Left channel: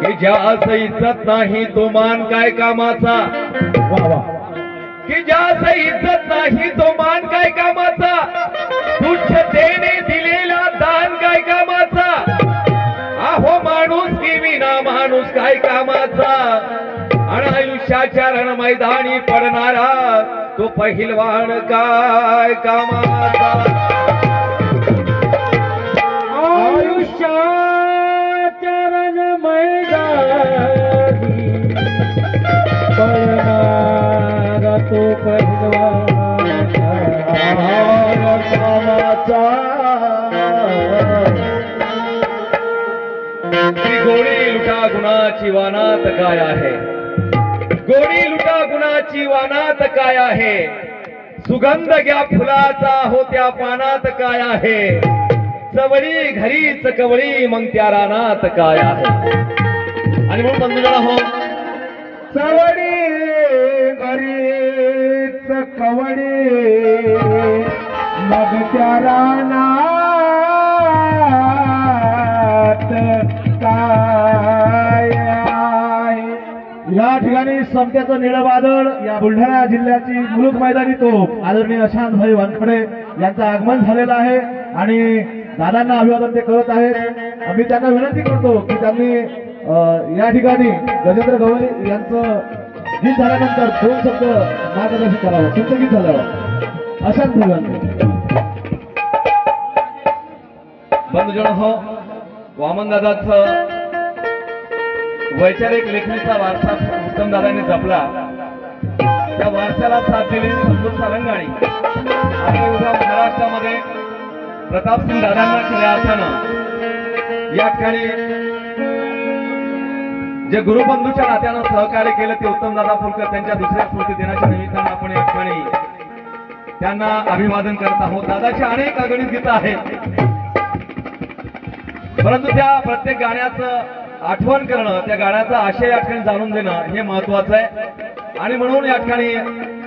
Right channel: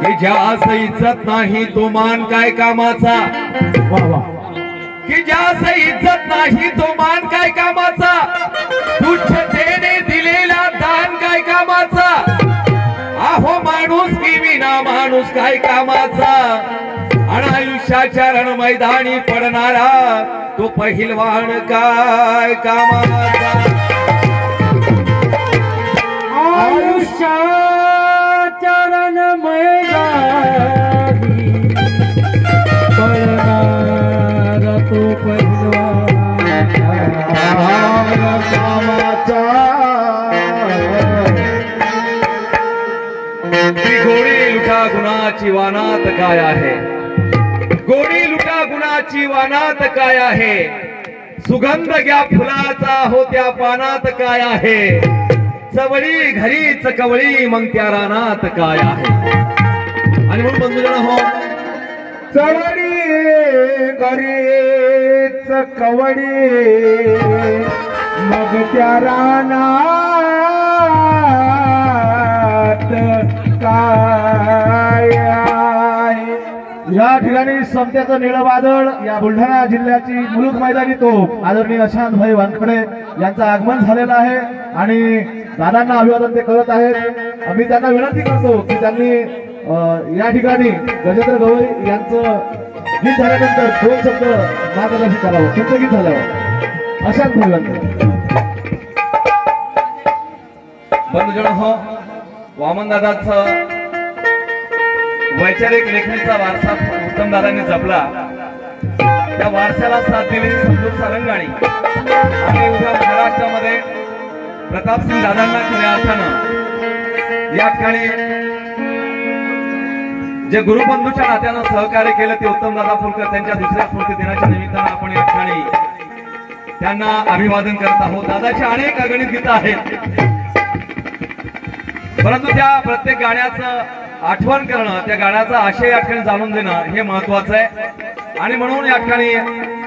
की ज्यास इज्जत नाही तो मान काय कामाचा, की ज्यास इज्जत नाही तो मान काय कामाचा, तुच्छतेने दिलेला दान काय कामाचा, अहो माणूस की विना माणूस काय कामाचा, आणि आयुष्याच्या रण मैदानी पडणारा तो पहिलवान काय कामाचा। आयुष्याच्या रण मैदानी पडणारा तो पहिलवान कामाचा। गोडी लुटा गुणाची वानात काय आहे, गोडी लुटा गुणाची वानात काय आहे, सुगंध घ्या फुलाचा हो त्या पानात काय आहे, चवळी घरीच कवळी मग त्या रानात काय आहे। आणि म्हणून बंधुजन हो, चवळी घरीच कवळी मग त्या रानात काय आहे। या ठिकाणी समत्याचं निळं वादळ या बुलढाणा जिल्ह्याची मुलुक मैदानी तोफ आदरणीय शांतभाई वानखडे यांचं आगमन झालेलं आहे आणि दादांना अभिवादन ते करत आहेत। आम्ही त्यांना विनंती करतो की त्यांनी या ठिकाणी गजेंद्र गवई यांचं गीत झाल्यानंतर 2 शब्द मार्गदर्शन करावं। तुमचं गीत झाल्यावर अशाच विनंती। बंधुजन हो, वामनदादाचं वैचारिक लेखणीचा वारसा उत्तम दादांनी जपला, त्या वारसाला साथ दिली संतोष सारंगाणी आणि उद्या महाराष्ट्रामध्ये प्रतापसिंग दादांना खऱ्या अर्थानं या ठिकाणी जे गुरुबंधूच्या नात्यानं सहकार्य केलं ते उत्तम दादा फुलकर त्यांच्या दुसऱ्या स्मृती दिनाच्या निमित्तानं आपण या ठिकाणी त्यांना अभिवादन करत आहोत। दादाची अनेक अगणित गीतं आहेत, परंतु त्या प्रत्येक गाण्याचं आठवण करणं, त्या गाण्याचा आशय या ठिकाणी जाणून देणं हे महत्वाचं आहे। आणि म्हणून या ठिकाणी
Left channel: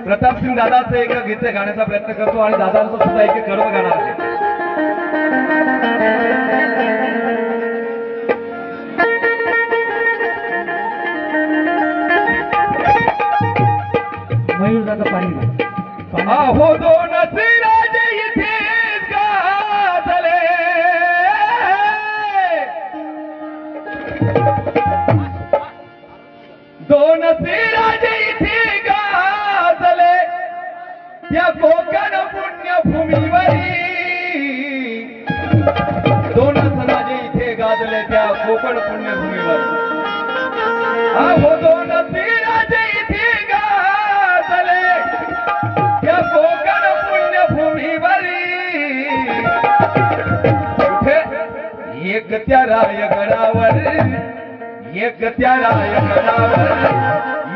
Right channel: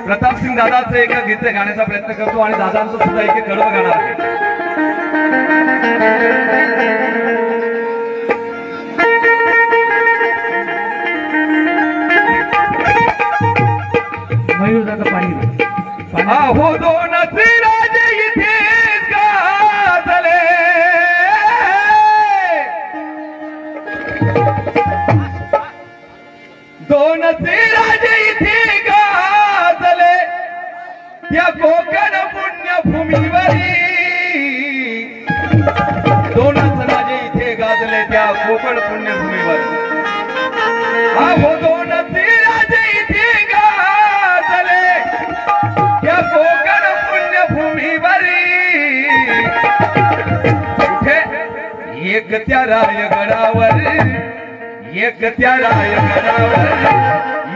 प्रतापसिंग दादाचं एका गीत गाण्याचा प्रयत्न करतो आणि दादांचं सुद्धा एक कडवं गाणं आहे। मयूर दादा पाणी हो दोन राजे इथेच गाजले, दोन राजे इथे गाजले त्या कोकण पुण्यभूमीवरी, दोन राजे इथे गाजले त्या कोकण पुण्यभूमीवर, अहो दोन राजे इथे गाजले त्या कोकण पुण्यभूमीवरी, कुठे एक त्या रायगडावर, एक त्या रायगडावर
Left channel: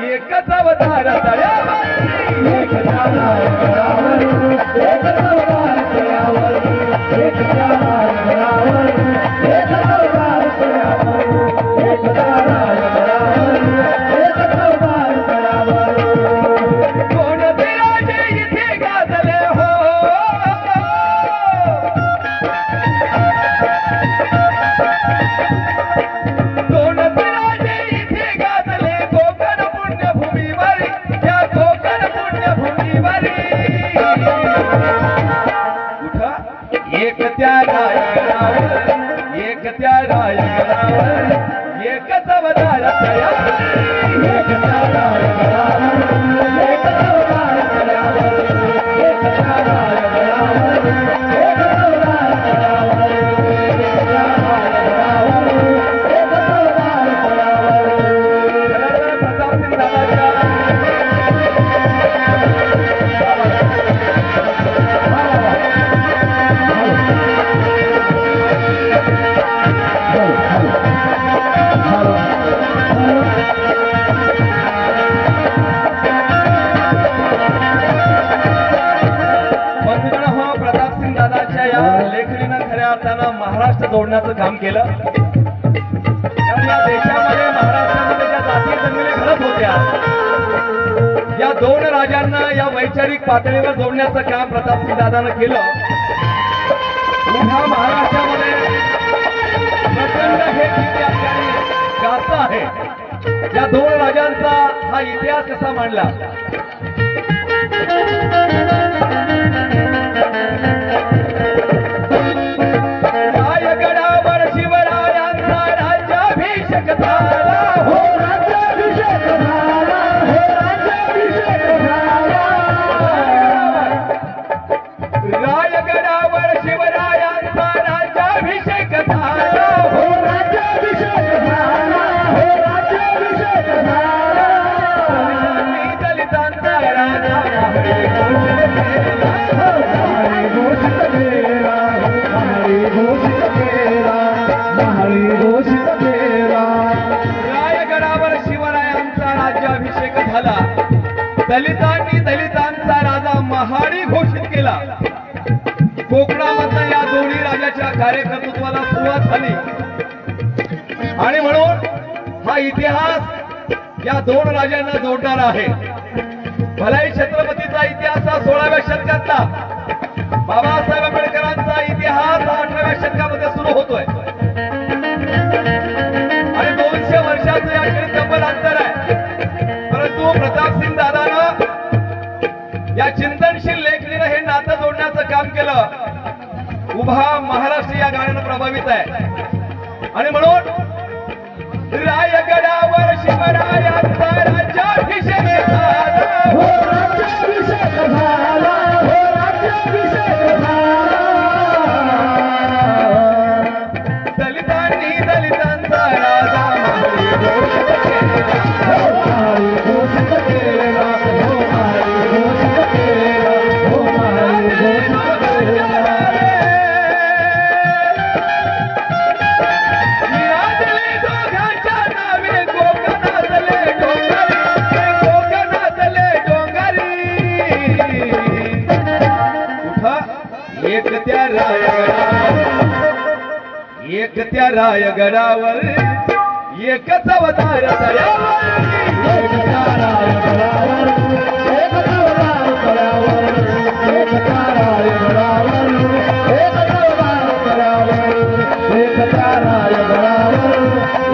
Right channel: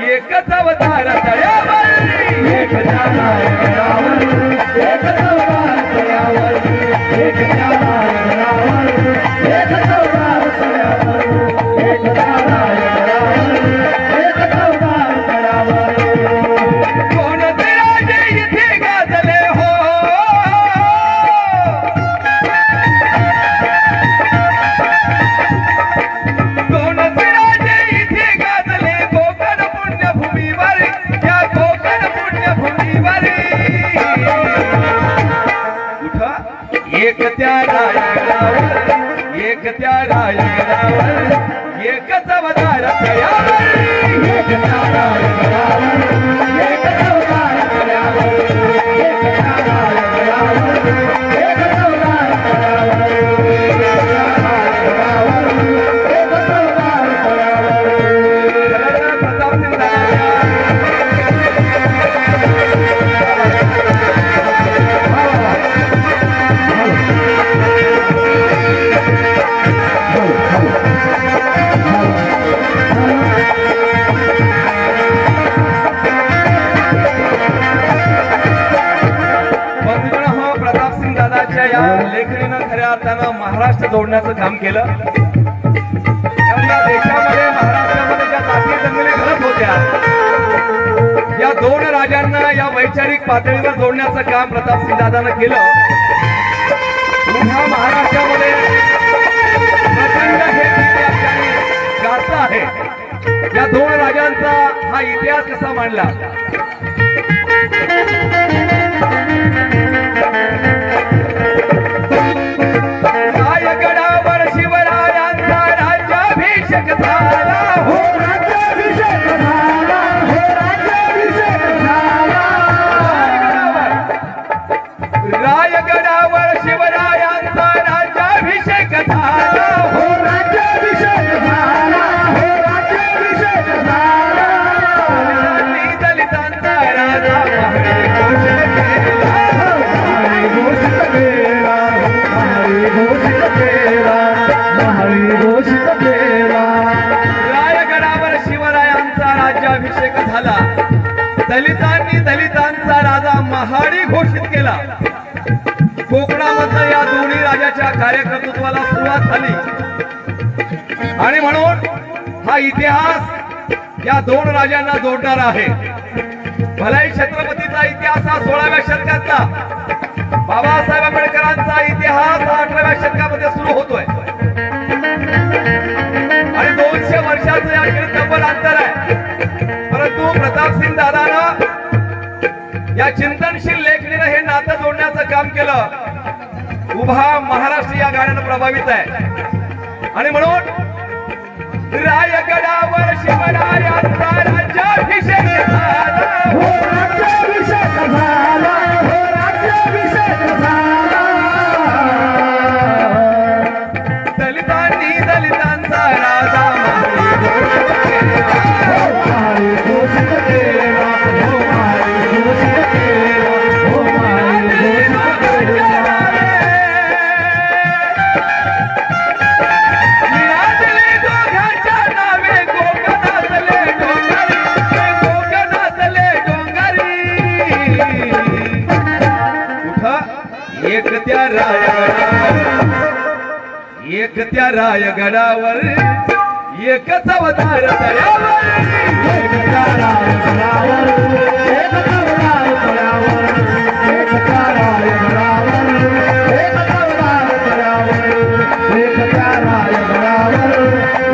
एकच अवतार तयावर, एक त्या रायगडावर एकच अवतार तयावर, एक त्या रायगडावर एकच अवतार तयावर, एक त्या रायगडावर एकच अवतार तयावर, कोण ते राजे इथे गाजले हो, दोन राजे इथे गाजले कोकण पुण्यभूमीवर, त्या कोकण पुण्यभूमीवर, एक त्या रायगडावर, एक त्या रायगडावर एकच अवतार तयावर, एक त्या रायगडावर एकच अवतार तयावर, एक त्या रायगडावर एकच अवतार तयावर, एक त्या रायगडावर एकच अवतार तयावर। प्रतापसिंग दादा लेखणीनं खऱ्या अर्थानं महाराष्ट्र जोडण्याचं काम केलं। देशामध्ये महाराष्ट्रामध्ये ज्या जातीय दंगली घडत होत्या, या दोन राजांना या वैचारिक पातळीवर जोडण्याचं काम प्रतापसिंग दादानं केलं। कसा मांडला. रायगडावर शिवरायांचा राज्याभिषेक झाला हो, राज्याभिषेक झाला हो, राज्याभिषेक झाला. रायगडावर शिवरायांचा राज्याभिषेक झाला हो, राज्याभिषेक झाला हो, राज्याभिषेक झाला. दलितांचा राजा महारी घोषित केला, घोषित केला, महारी घोषित केला. रायगडावर शिवरायांचा राज्याभिषेक झाला. दलितांनी दलितांचा राजा महाडी घोषित केला. कोकणामधल्या या दोन्ही राजाच्या कार्यकर्तृत्वाला सुरुवात झाली आणि म्हणून हा इतिहास या दोन राजांना जोडणार आहे. भलाई छत्रपतीचा इतिहास हा 16व्या शतकातला, बाबासाहेब आंबेडकरांचा इतिहास हा 18व्या शतकामध्ये सुरू होतोय आणि 200 वर्षाचं याकडे तब्बल अंतर आहे. परंतु प्रतापसिंग दादानं या चिंतनशील लेखणीनं हे नातं जोडण्याचं काम केलं. उभा महाराष्ट्र या गाण्यानं प्रभावित आहे आणि म्हणून रायगडावर शिवरायांचा राज्याभिषेक झाला हो, राज्याभिषेक झाला हो, राज्याभिषेक झाला. दलितांनी दलितांचा राजा महारी घोषित केला, महारी घोषित केला, हो, महारी घोषित केला, हो, महारी घोषित केला. निरादले दोघांच्या नावे कोकणातले डोंगरी, कोकणातले डोंगरी. कुठं एक त्या रायगडावर, एक त्या रायगडावर एकच अवतार तयावर, एक त्या रायगडावर, एक अवतार तयावर, एक त्या रायगडावर, एक अवतार तयावर, एक त्या रायगडावर,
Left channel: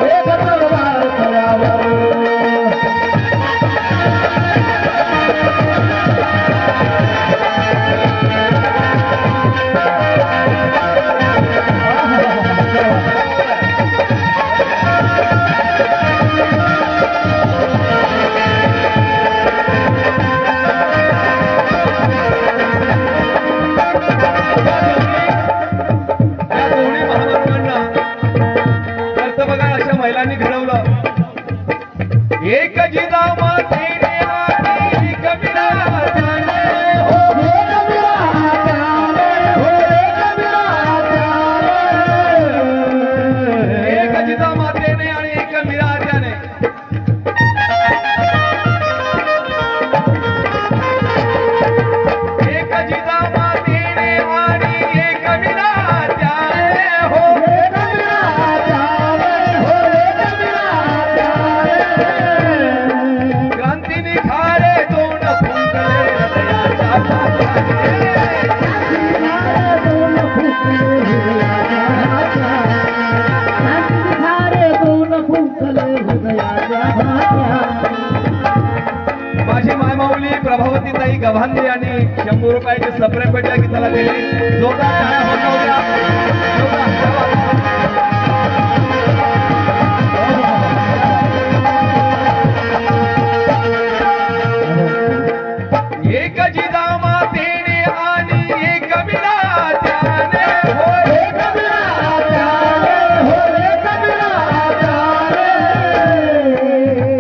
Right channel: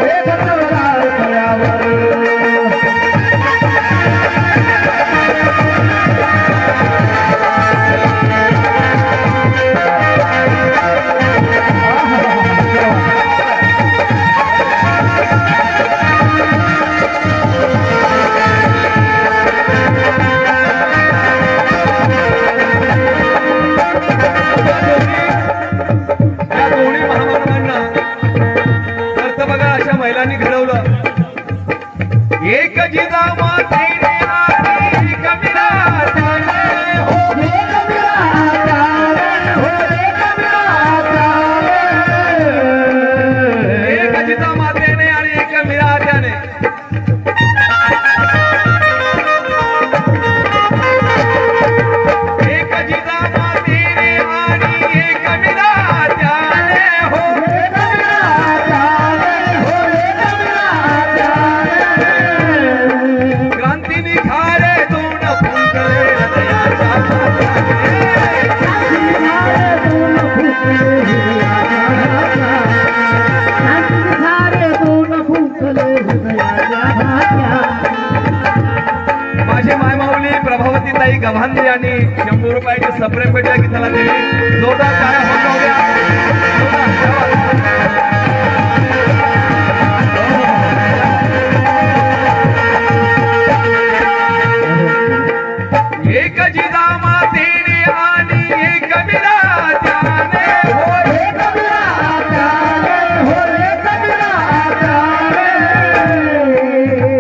एक अवतार तयावर. या दोन्ही महामानवांना तर बघा अशा महिलांनी घडवलं. एक जिजामातेने आणि एक मिराजाने हो, एक जिजामातेने आणि एक मिराजाने एक जिजामातेने आणि एक मिराजाने हो, क्रांती निखारे दोन फुंकले हृदयाच्या माझी मायमाऊली प्रभावतीताई गव्हाणे यांनी 100 रुपयाची सप्रेम भेट या गीताला दिली. जोरदार टाळ्या वाजवूया. एक जिजामातेने आणि एक मिराजाने हो, एक मिराजाने हो, एक मिराजाने.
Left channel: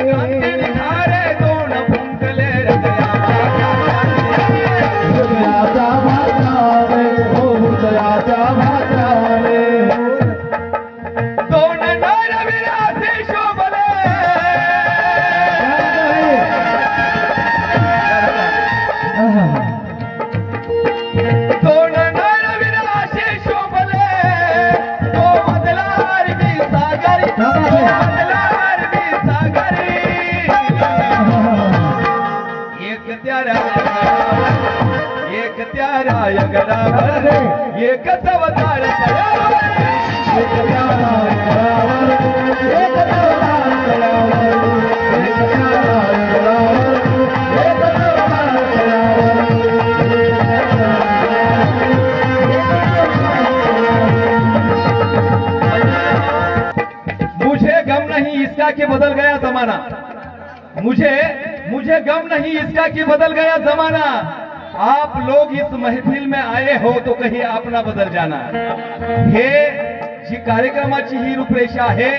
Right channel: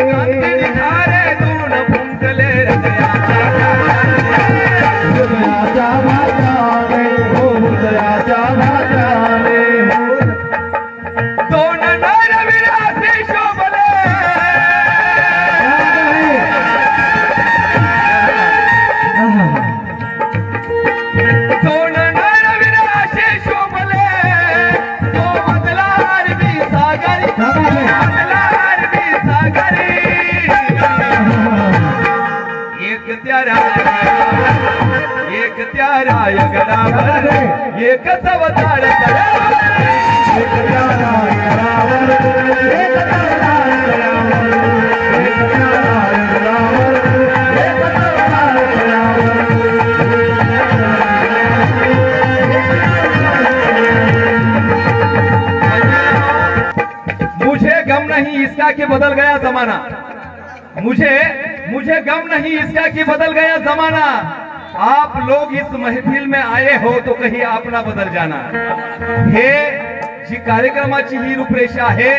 क्रांती निखारे दोन फुंकले हृदयाच्या हृदयाच्या भात्राने हो, हृदयाच्या भात्राने हो. दोन नरविलासे शोभले, दोन नरविलासे शोभले. तो मधला अरबी सागरी, तो मधला अरबी सागरी. एक त्या रायगडावर, एक त्या रायगडावर एकच अवतार तयावर, एक त्या रायगडावर, एक अवतार तयावर, एक त्या रायगडावर, नहीं इसका कि बदल गया जमाना, मुझे गम नहीं इसका कि बदल गया जमाना, आप लोग इस महफिल में आए हो तो कहीं आप ना बदल जाना। हे जी कार्यक्रमाची ही रूपरेषा आहे।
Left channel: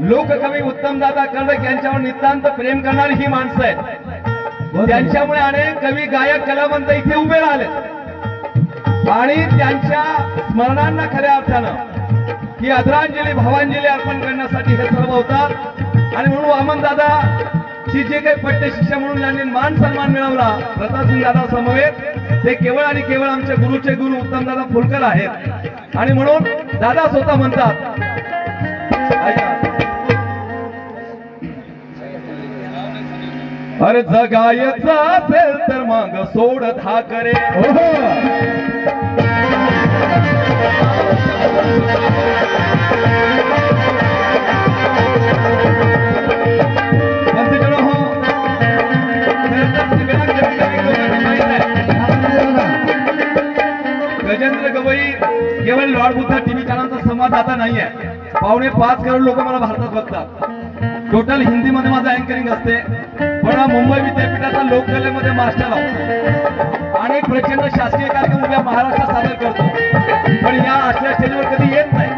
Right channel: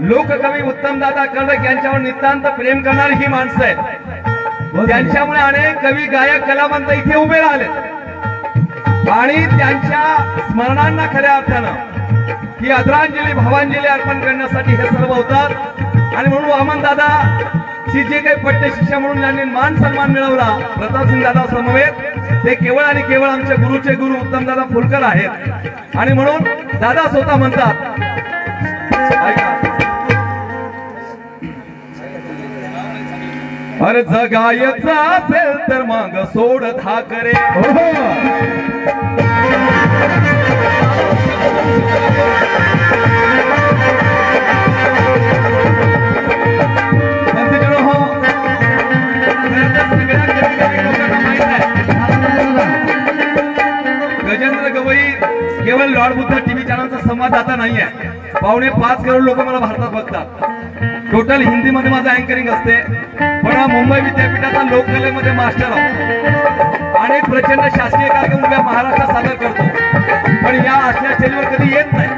लोककवी उत्तमदादा कर्डक यांच्यावर नितांत प्रेम करणारी ही माणसं आहेत। त्यांच्यामुळे अनेक कवी गायक कलावंत इथे उभे राहिले आणि त्यांच्या स्मरणांना खऱ्या अर्थानं ही आदरांजली भावांजली अर्पण करण्यासाठी हे सर्व होतात। आणि म्हणून वामन दादा ची जे काही पट्टे शिष्य म्हणून यांनी मान सन्मान मिळवला प्रतापसिंग दादा समवेत, ते केवळ आणि केवळ आमच्या गुरुचे गुरु उत्तमदादा फुलकर आहेत। आणि म्हणून दादा स्वतः म्हणतात, अरे जगायचं असेल तर मग सोड धाकरे, गजेंद्र गवई केवळ लॉर्ड बुद्ध टीव्ही चॅनलचा संवाददाता नाही आहे। 5.25 करोड लोक मला भारतात बघतात। टोटल हिंदी मध्ये माझं अँकरिंग असते, पण मुंबई विद्यापीठाचा लोककलेमध्ये मास्टर आहोत आणि प्रचंड शासकीय कार्यक्रम उभ्या महाराष्ट्रात सादर करतो, पण या अशा स्टेजवर कधी येत नाही।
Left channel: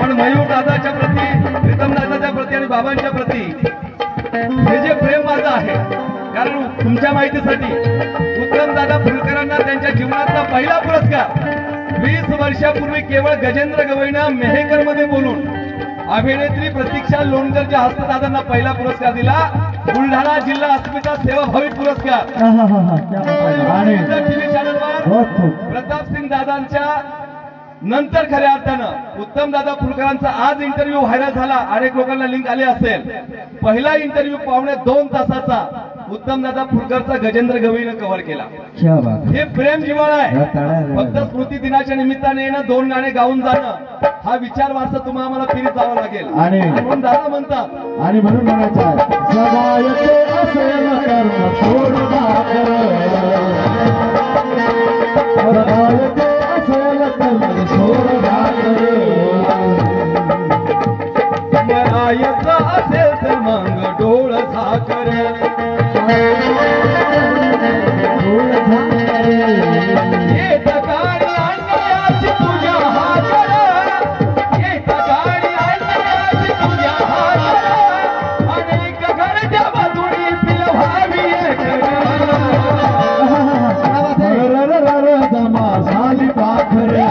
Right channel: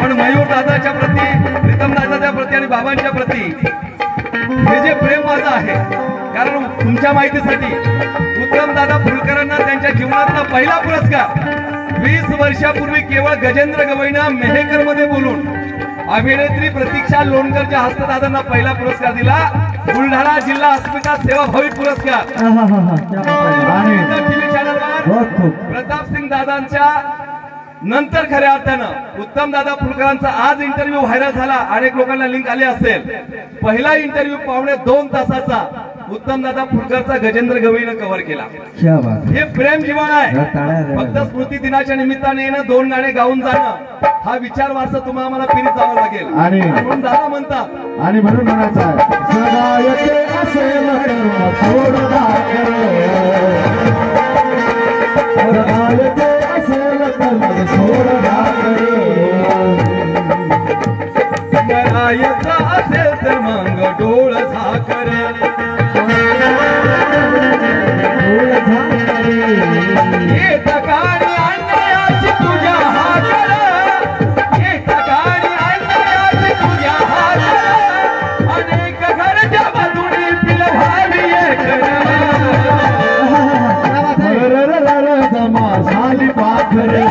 पण मयूर दादाच्या प्रती, प्रीतम दादाच्या प्रती आणि बाबांच्या प्रती हे जे प्रेम माझं आहे, कारण तुमच्या माहितीसाठी उत्तम दादा फुलकरांना त्यांच्या जीवनातला पहिला पुरस्कार 20 वर्षापूर्वी केवळ गजेंद्र गवईंना मेहकर मध्ये बोलून अभिनेत्री प्रतीक्षा लोणकरच्या हस्तदादांना पहिला पुरस्कार दिला, बुलढाणा जिल्हा अस्मिता सेवाभावी पुरस्कार। टीव्ही चॅनलवर प्रतापसिंग दादांच्या नंतर खऱ्या अर्थानं उत्तम दादा फुलकरांचा आज इंटरव्ह्यू व्हायरल झाला, अनेक लोकांना लिंक आले असेल। पहिला इंटरव्ह्यू 2.25 तासाचा उत्तम दादा फुलकरचा गजेंद्र गवईनं कव्हर केला। हे प्रेम जीवन आहे। फक्त स्मृती दिनाच्या निमित्ताने येणं, 2 गाणे गाऊन जाणं हा विचार वारसा तुम्हाला मला फिरीत जावं लागेल। आणि म्हणून दादा म्हणतात, आणि म्हणून म्हणायचं जगायचे असेल तर मग सोड धाकरे, जगायचे असेल तर मग सोड धाकरे, मरायचं असेल तर मग डोळ झाकरे, येत काळी आणण्याची तुझ्या हाकर, येत काळी आणण्याची तुझ्या हाकर, अनेक घरच्या बाजूनी पिलवावी एक जमा झाली पाखरे,